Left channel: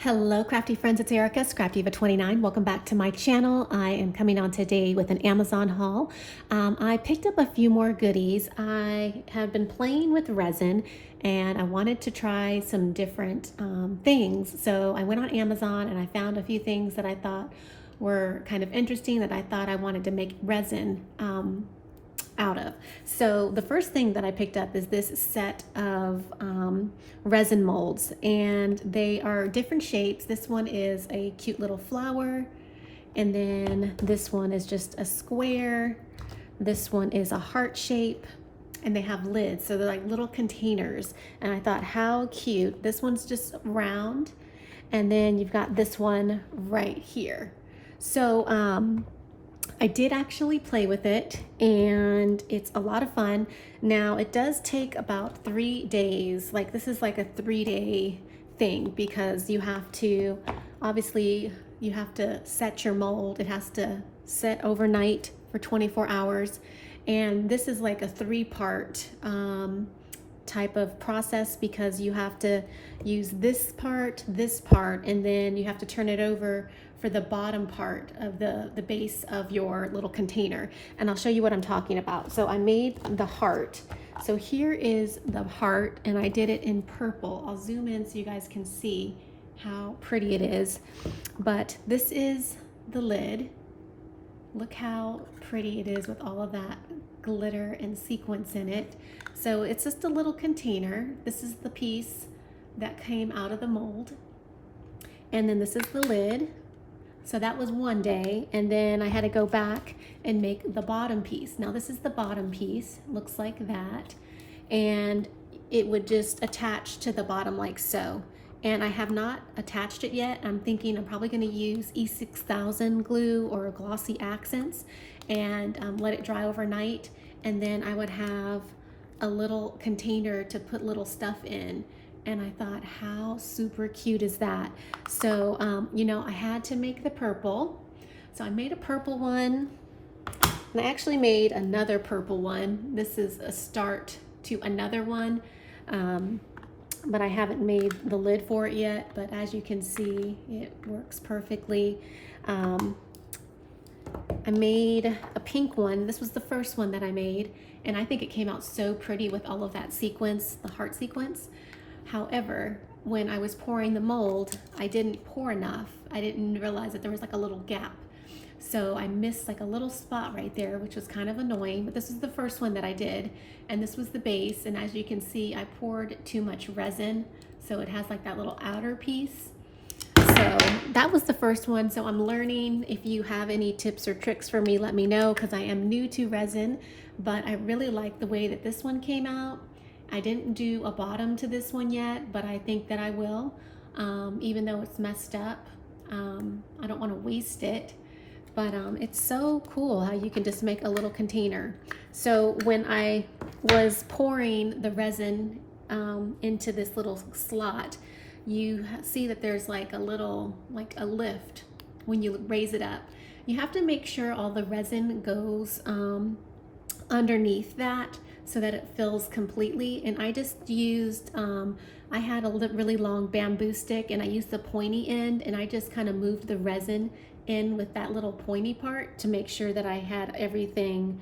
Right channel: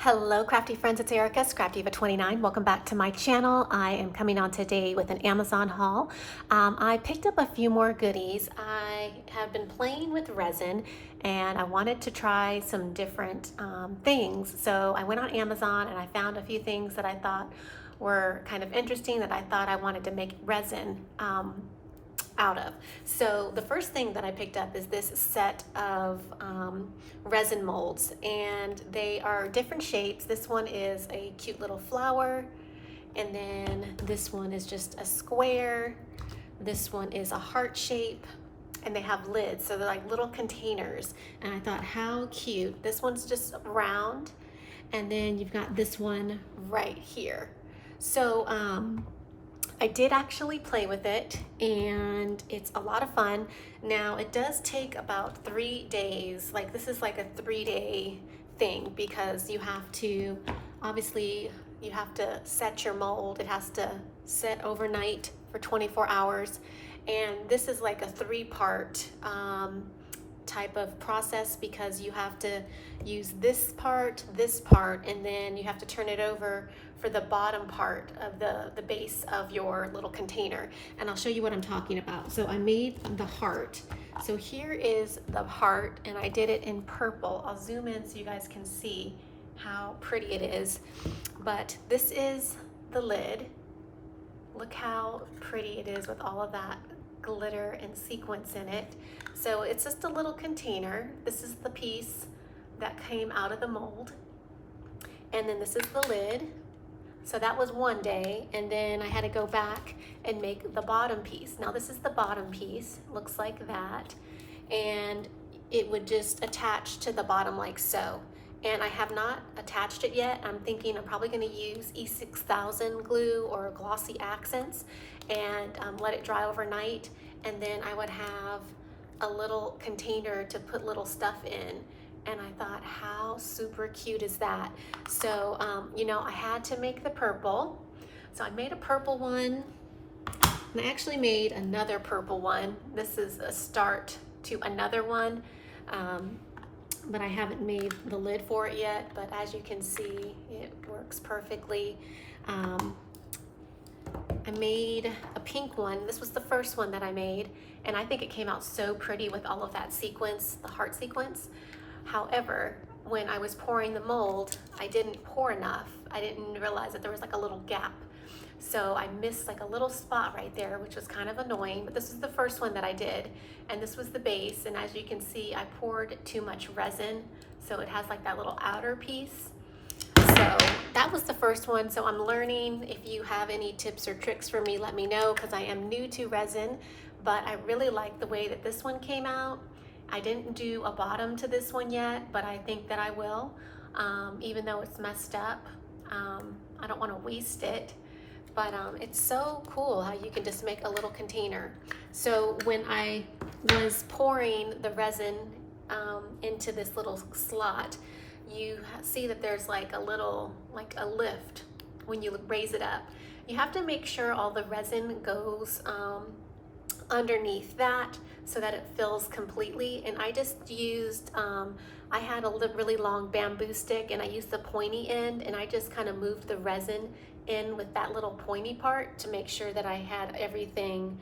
Hello crafty friends, it's Erica, Scrapdiva29. Welcome back to my channel. I am coming on today with an Amazon haul. I picked up a few more goodies. I have been playing with resin and I wanted to try some different things. So I went on Amazon and I found a few things that I thought were kind of interesting that I thought I wanted to make resin out of. So the first thing that I picked up is this set of resin molds, and they are different shapes. This one is a cute little flower, and then this one is just a square. This one is a heart shape, and they have lids, so they're like little containers. And I thought, how cute. This one's just round, and then you've got this one right here. So I did actually play with it and it's a lot of fun. Now it does take about 3 days. Like this is like a 3-day thing because you have to, obviously you have to set your mold. It has to set overnight for 24 hours. And this is like a 3-part type of process because you have to use this part, and then you have to turn it over for the bottom part of the base of your little container. And I'll show you what I'm talking about. So I made the heart. So here is the heart, and I did it in purple. I'll zoom in so you guys can see how pretty it is. But this is the lid. Look how pretty it is with all of that glitter and sequins in it. So it's just a little container. This is the piece that came out of the mold. And then this is the lid. So that was 1 day. And then I had to go back and make the bottom piece. Now this is the bottom piece, looks like that. And it would just attach to the bottom like so. And I have not attached it yet. I'm thinking I'm probably gonna use E6000 glue or glossy accents and let it dry overnight. And then I would have a little container to put little stuff in. And I thought, how super cute is that? So, you know, I had to make the purple. So I made a purple one. And I actually made another purple one. This is a start to another one. But I haven't made the lid for it yet, but as you can see, it works perfectly. I made a pink one. This was the first one that I made, and I think it came out so pretty with all of that sequence, the heart sequence. However, when I was pouring the mold, I didn't pour enough. I didn't realize that there was like a little gap. So I missed like a little spot right there, which was kind of annoying, but this is the first one that I did. And this was the base. And as you can see, I poured too much resin. So it has like that little outer piece. So that was the first one. So I'm learning. If you have any tips or tricks for me, let me know, because I am new to resin, but I really like the way that this one came out. I didn't do a bottom to this one yet, but I think that I will, even though it's messed up. I don't want to waste it. But it's so cool how you can just make a little container. So when I was pouring the resin into this little slot, you see that there's like a little, like a lift when you raise it up. You have to make sure all the resin goes underneath that so that it fills completely. And I just used, I had a really long bamboo stick and I used the pointy end, and I just kind of moved the resin in with that little pointy part to make sure that I had everything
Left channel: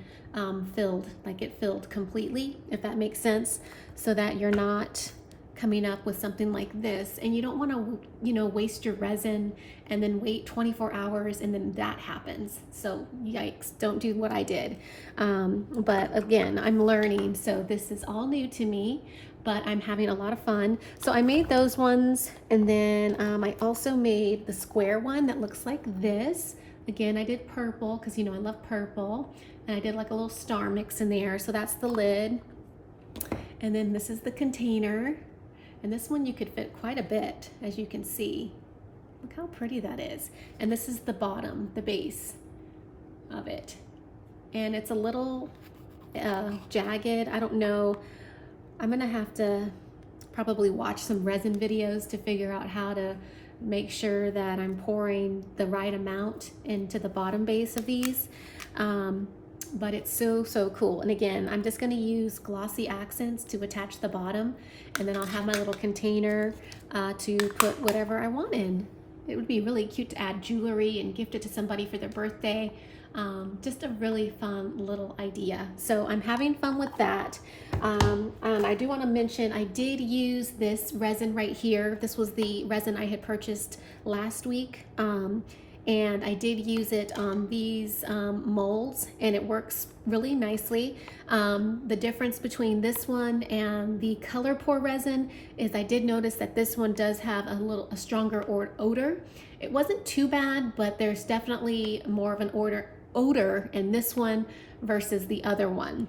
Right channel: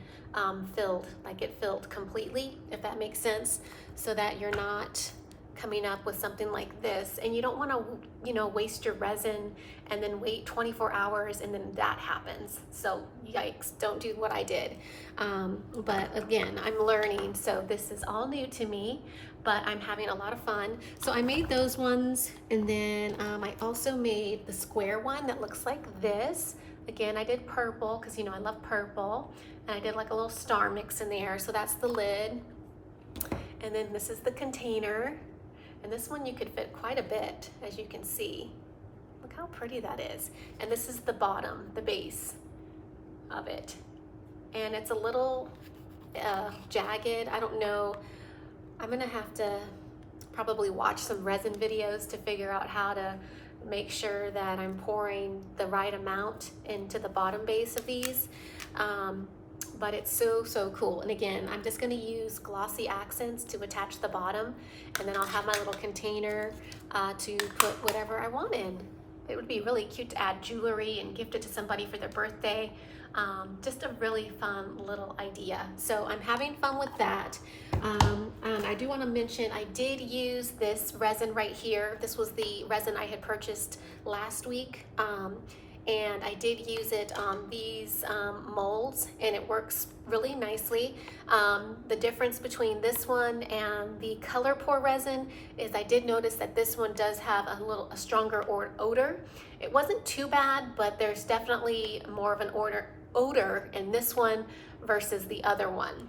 filled, like it filled completely, if that makes sense, so that you're not coming up with something like this. And you don't want to, you know, waste your resin and then wait 24 hours and then that happens. So yikes, don't do what I did. But again, I'm learning, so this is all new to me, but I'm having a lot of fun. So I made those ones, and then I also made the square one that looks like this. Again, I did purple because, you know, I love purple, and I did like a little star mix in there. So that's the lid, and then this is the container. And this one you could fit quite a bit, as you can see. Look how pretty that is. And this is the bottom, the base of it. And it's a little jagged. I don't know. I'm gonna have to probably watch some resin videos to figure out how to make sure that I'm pouring the right amount into the bottom base of these. but it's so cool. And again, I'm just going to use glossy accents to attach the bottom, and then I'll have my little container to put whatever I want in. It would be really cute to add jewelry and gift it to somebody for their birthday. Just a really fun little idea. So I'm having fun with that. And I do want to mention I did use this resin right here. This was the resin I had purchased last week. And I did use it on these molds, and it works really nicely. The difference between this one and the color pour resin is I did notice that this one does have a stronger odor. It wasn't too bad, but there's definitely more of an odor in this one versus the other one.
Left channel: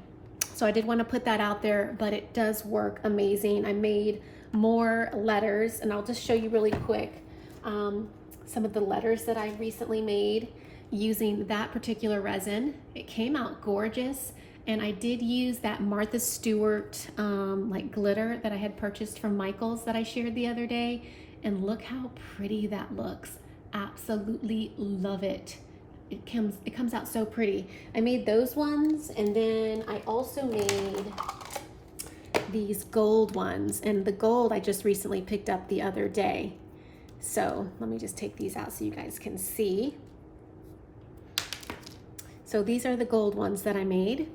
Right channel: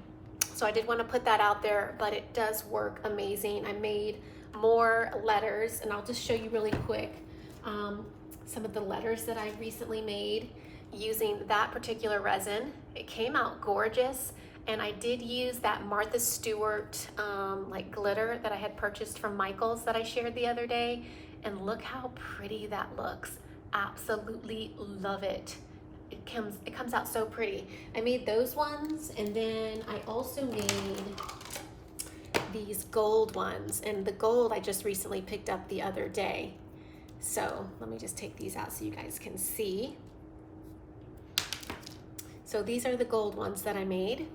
So I did want to put that out there, but it does work amazing. I made more letters, and I'll just show you really quick some of the letters that I recently made using that particular resin. It came out gorgeous, and I did use that Martha Stewart like glitter that I had purchased from Michael's that I shared the other day, and look how pretty that looks. Absolutely love it. It comes out so pretty. I made those ones, and then I also made these gold ones, and the gold I just recently picked up the other day. So let me just take these out so you guys can see. So these are the gold ones that I made.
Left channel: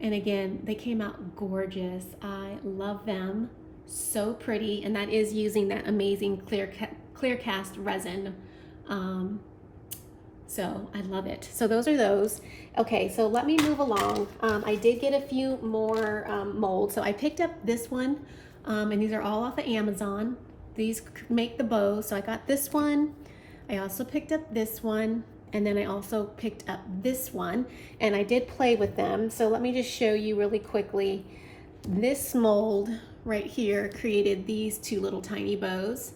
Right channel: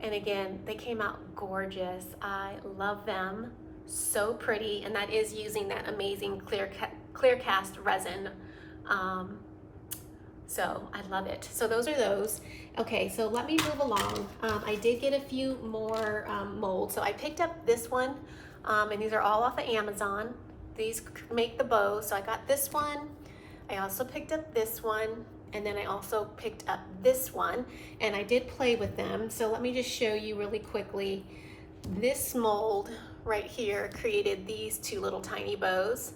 And again, they came out gorgeous. I love them. So pretty. And that is using that amazing clear cast resin. So I love it. So those are those. Okay, so let me move along. I did get a few more molds. So I picked up this one, and these are all off of Amazon. These make the bow. So I got this one. I also picked up this one, and then I also picked up this one, and I did play with them. So let me just show you really quickly. This mold right here created these two little tiny bows,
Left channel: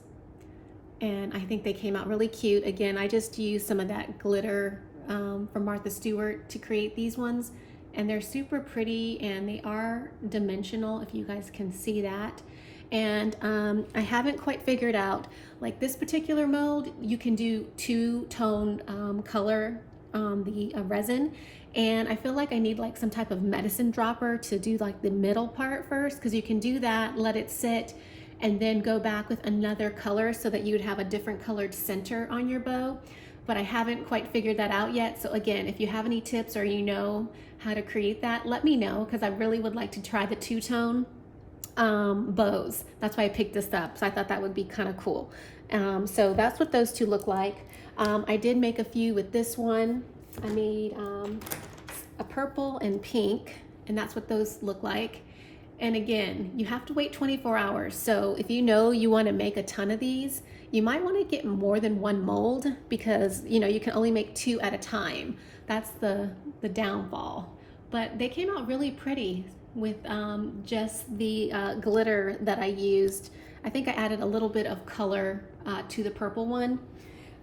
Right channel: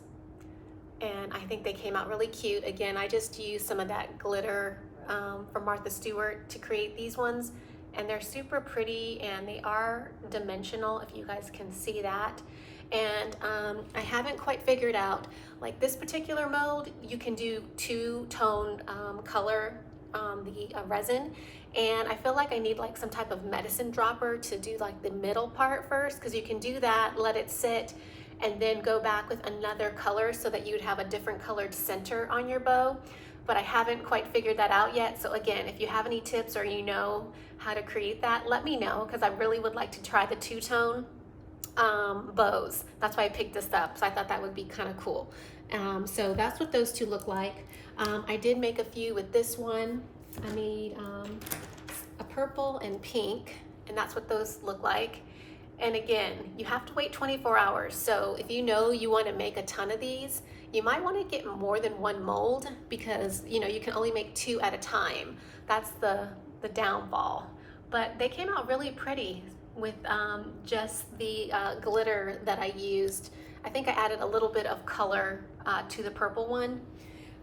and I think they came out really cute. Again, I just used some of that glitter from Martha Stewart to create these ones, and they're super pretty, and they are dimensional, if you guys can see that. And I haven't quite figured out, like this particular mold, you can do two-tone color, the resin, and I feel like I need like some type of medicine dropper to do like the middle part first, because you can do that, let it sit, and then go back with another color so that you would have a different colored center on your bow. But I haven't quite figured that out yet. So again, if you have any tips or you know how to create that, let me know, because I really would like to try the two-tone bows. That's why I picked this up. So I thought that would be kind of cool. So that's what those two look like. I did make a few with this one. I made a purple and pink, and that's what those look like. And again, you have to wait 24 hours. So if you know you want to make a ton of these, you might want to get more than one mold, because you know you can only make two at a time. That's the downfall. But they came out really pretty with just the glitter that I used. I think I added a little bit of color to the purple one,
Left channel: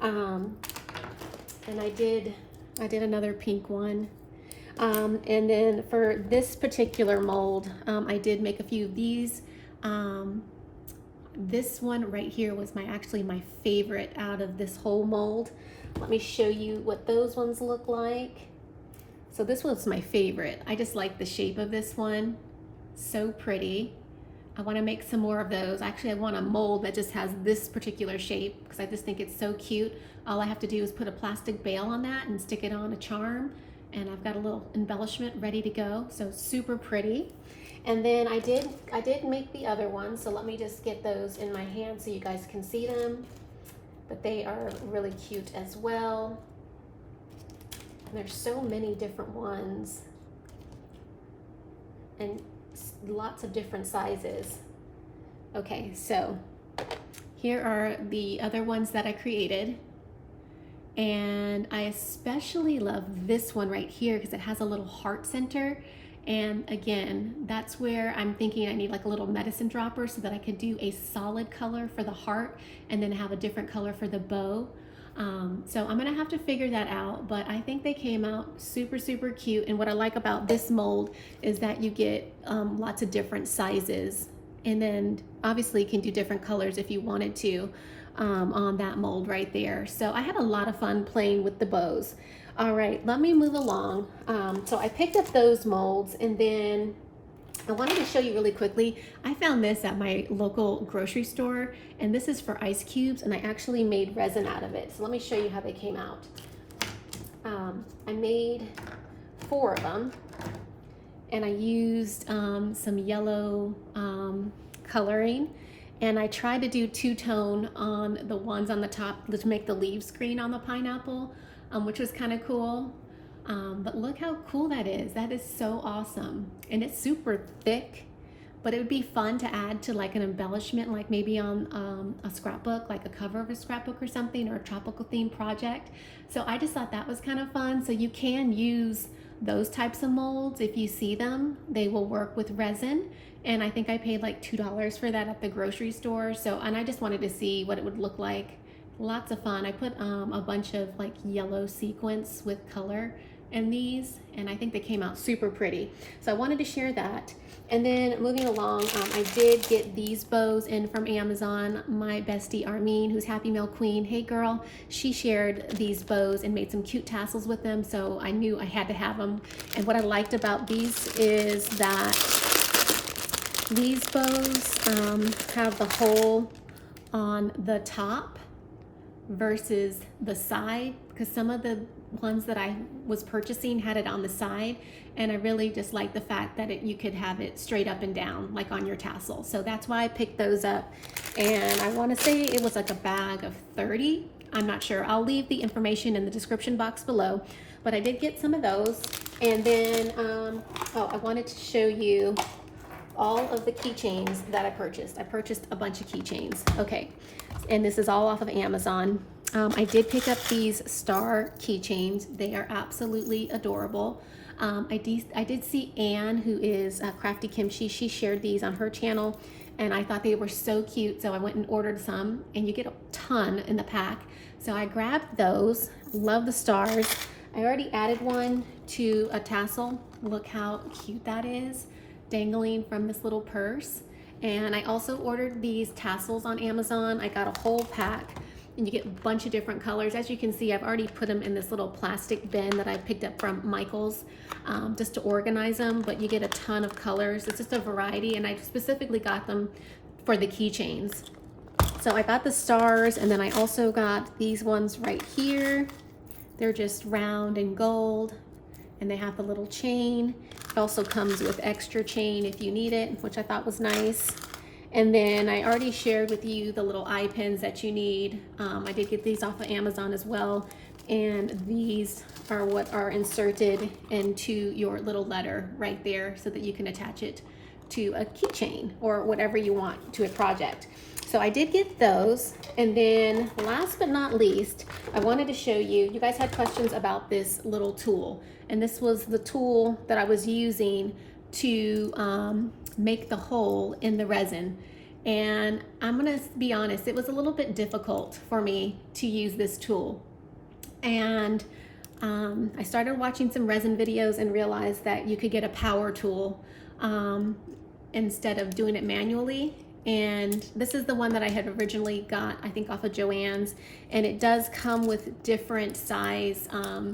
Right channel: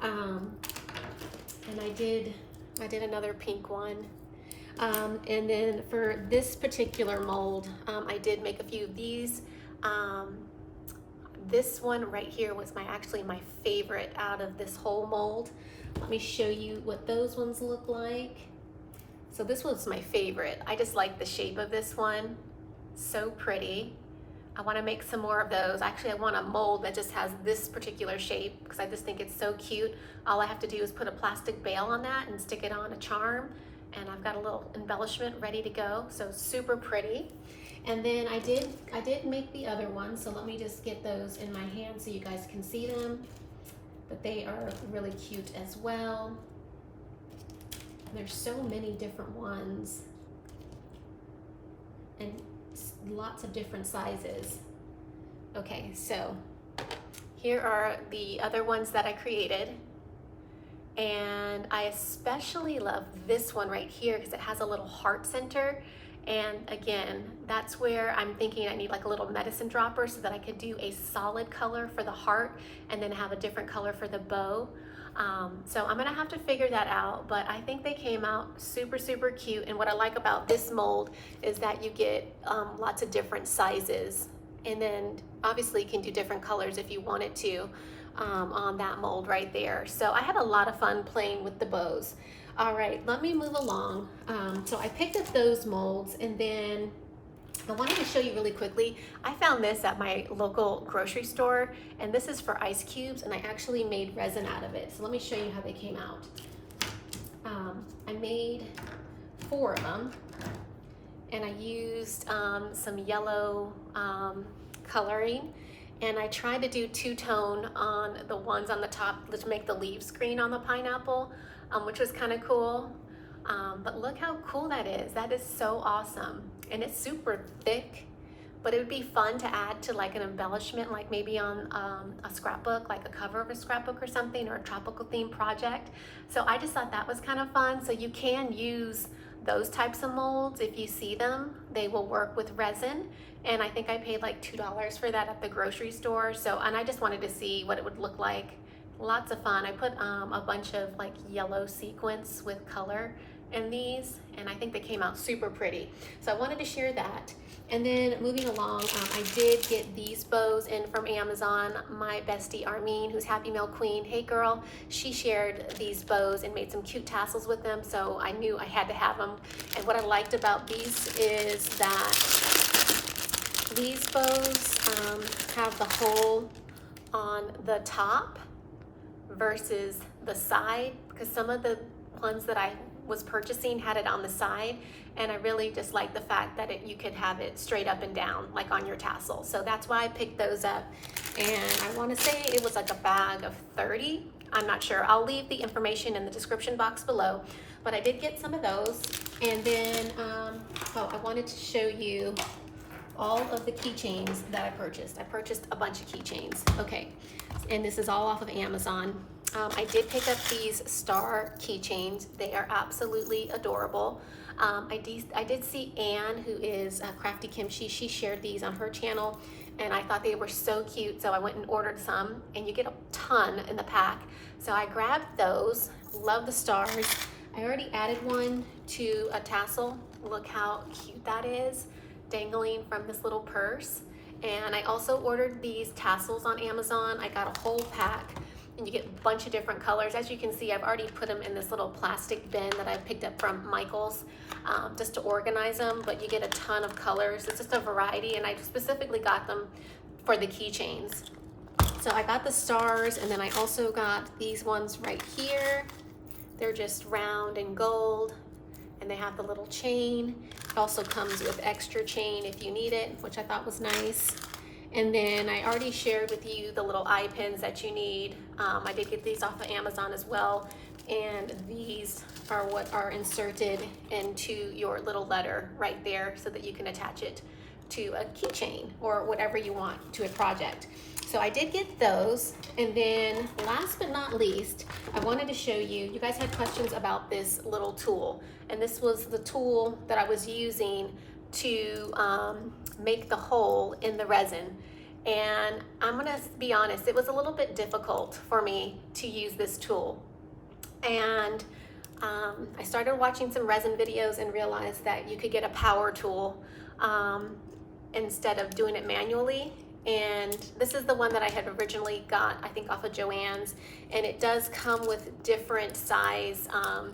and I did another pink one, and then for this particular mold, I did make a few of these. This one right here was actually my favorite out of this whole mold. Let me show you what those ones look like. So this one's my favorite. I just like the shape of this one. So pretty. I want to make some more of those. Actually, I want a mold that just has this particular shape, because I just think it's so cute. All I have to do is put a plastic bail on that and stick it on a charm, and I've got a little embellishment ready to go. So super pretty. And then I did make the other ones, so let me just get those in my hand so you guys can see them. But they are really cute as well. There's so many different ones, and lots of different sizes. Okay, so here are the other ones that I created, and I especially love this one right here because it has a little heart center. And again, that's where I'm thinking I need like a little medicine dropper so that I could do a solid color for the heart and then have a different color for the bow. So I'm gonna have to figure that out, but I think they came out super cute. And what I like about this mold is that you get lots of different sizes, and then obviously you can do different colors if you wanted to on that mold right there. So I had a lot of fun playing with the bows. All right, let me move along. So I picked up those molds, and then I wanted to show you really quickly. I found this at my local grocery store, and this is for ice cubes, and I actually made resin out of it. So let me show you how they came out. I made 4 of them, and I used some yellow coloring, and I tried to do two-tone on the ones on the top to make the leaves green on the pineapple, which was kind of cool. But look how cool that is. That is so awesome. And it's super thick, but it would be fun to add to like an embellishment, like maybe on a scrapbook, like a cover of a scrapbook or something, or a tropical themed project. So I just thought that was kind of fun. So you can use those types of molds if you see them. They will work with resin. And I think I paid like $2 for that at the grocery store. So, and I just wanted to see what it would look like. Lots of fun. I put a bunch of like yellow sequins with color in these, and I think they came out super pretty. So I wanted to share that. And then moving along, I did get these bows in from Amazon. My bestie Armene, who's Happy Mail Queen, hey girl, she shared these bows and made some cute tassels with them, so I knew I had to have them. And what I liked about these is that these bows have the hole on the top versus the side, because some of the ones that I was purchasing had it on the side, and I really just like the fact that you could have it straight up and down like on your tassel. So that's why I picked those up, and I want to say it was like a bag of 30. I'm not sure. I'll leave the information in the description box below, but I did get some of those. And then I wanted to show you all of the keychains that I purchased. I purchased a bunch of keychains. Okay, and this is all off of Amazon. I did pick up these star keychains. They are absolutely adorable. I did see Anne, who is Crafty Kimchi. She shared these on her channel, and I thought they were so cute, so I went and ordered some, and you get a ton in the pack. So I grabbed those. Love the stars. I already added one to a tassel. Look how cute that is, dangling from this little purse. And I also ordered these tassels on Amazon. I got a whole pack, and you get a bunch of different colors. As you can see, I've already put them in this little plastic bin that I picked up from Michael's just to organize them, but you get a ton of colors. It's just a variety, and I specifically got them for the keychains. So I got the stars, and then I also got these ones right here. They're just round and gold, and they have the little chain. It also comes with extra chain if you need it, which I thought was nice. And then I already shared with you the little eye pins that you need. I did get these off of Amazon as well, and these are what are inserted into your little letter right there so that you can attach it to a keychain or whatever you want to a project. So I did get those. And then last but not least, I wanted to show you, you guys had questions about this little tool, and this was the tool that I was using to make the hole in the resin. And I'm gonna be honest, it was a little bit difficult for me to use this tool. And I started watching some resin videos and realized that you could get a power tool instead of doing it manually. And this is the one that I had originally got, I think off of Joann's, and it does come with different size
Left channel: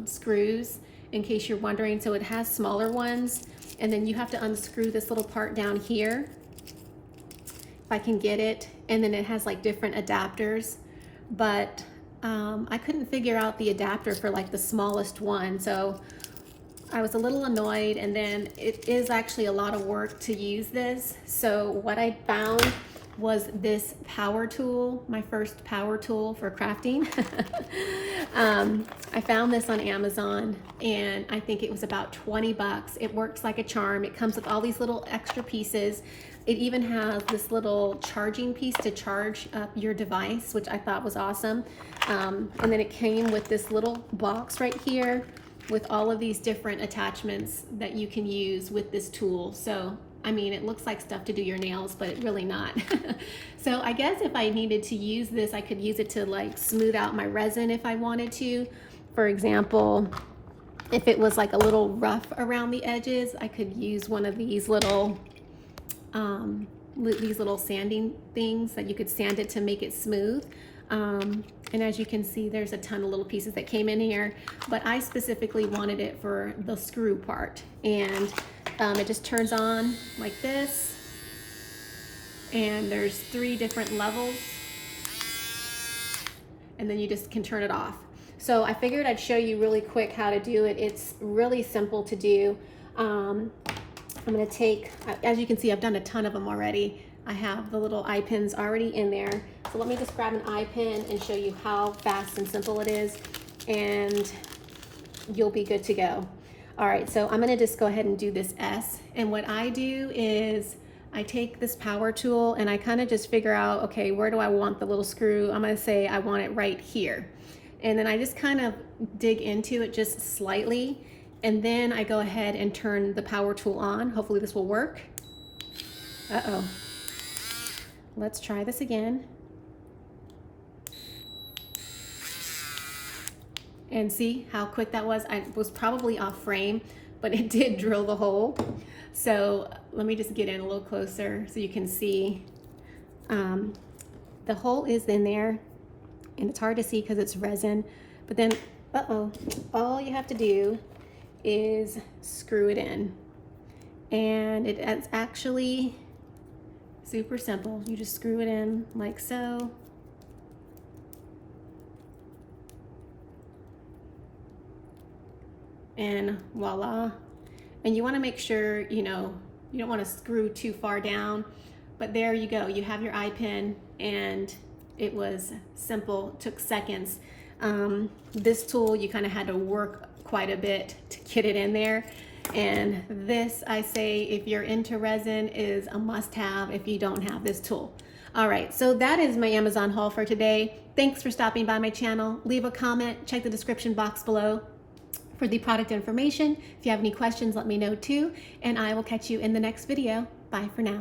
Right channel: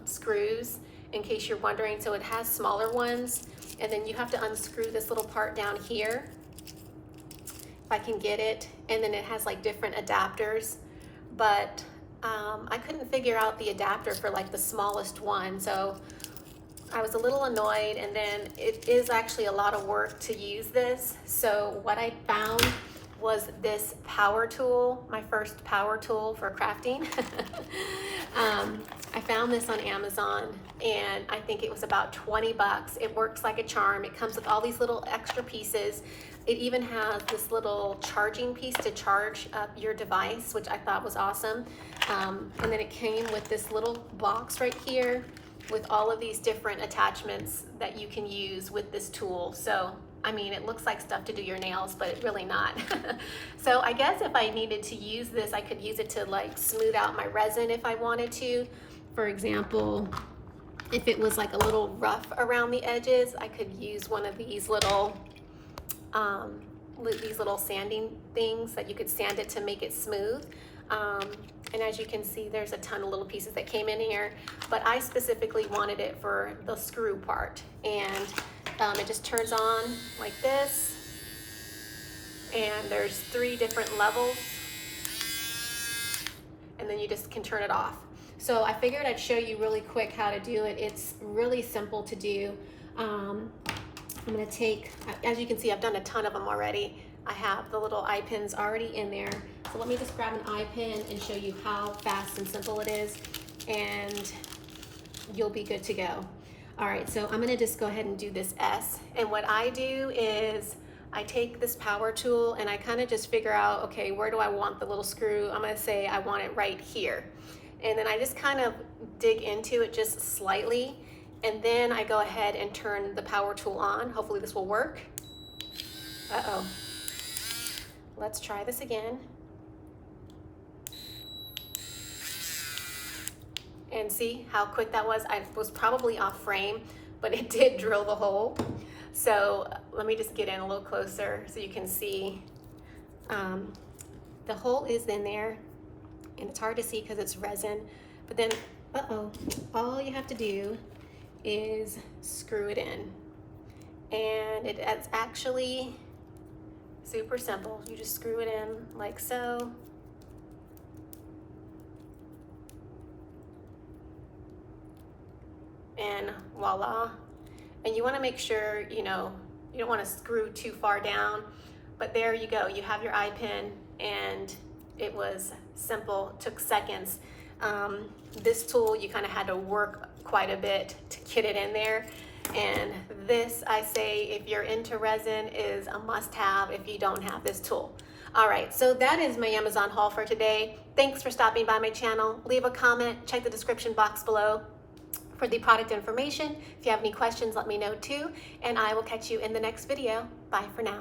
screws, in case you're wondering. So it has smaller ones, and then you have to unscrew this little part down here, if I can get it, and then it has like different adapters, but I couldn't figure out the adapter for like the smallest one, so I was a little annoyed. And then it is actually a lot of work to use this. So what I found was this power tool, my first power tool for crafting. I found this on Amazon, and I think it was about 20 bucks. It works like a charm. It comes with all these little extra pieces. It even has this little charging piece to charge up your device, which I thought was awesome. And then it came with this little box right here with all of these different attachments that you can use with this tool. So, I mean, it looks like stuff to do your nails, but it's really not. So I guess if I needed to use this, I could use it to like smooth out my resin if I wanted to. For example, if it was like a little rough around the edges, I could use one of these little these little sanding things that you could sand it to make it smooth. And as you can see, there's a ton of little pieces that came in here, but I specifically wanted it for the screw part. And it just turns on like this, and there's 3 different levels, and then you just can turn it off. So I figured I'd show you really quick how to do it. It's really simple to do. I'm gonna take, as you can see, I've done a ton of them already. I have the little eye pins already in there. So let me just grab an eye pin and show you how fast and simple it is, and you'll be good to go. All right, so I'm gonna just go ahead and do this S. And what I do is I take this power tool and I kind of just figure out, okay, where do I want the little screw? I'm gonna say I want it right here. And then I just kind of dig into it just slightly. And then I go ahead and turn the power tool on. Hopefully this will work. Uh-oh. Let's try this again. And see how quick that was? I was probably off frame, but it did drill the hole. So let me just get in a little closer so you can see. The hole is in there, and it's hard to see because it's resin. But then, uh-oh, all you have to do is screw it in. And it's actually super simple. You just screw it in like so. And voila. And you want to make sure, you know, you don't want to screw too far down, but there you go. You have your eye pin, and it was simple, took seconds. This tool, you kind of had to work quite a bit to get it in there. And this, I say, if you're into resin, is a must-have if you don't have this tool. All right, so that is my Amazon haul for today. Thanks for stopping by my channel. Leave a comment, check the description box below for the product information. If you have any questions, let me know too, and I will catch you in the next video. Bye for now.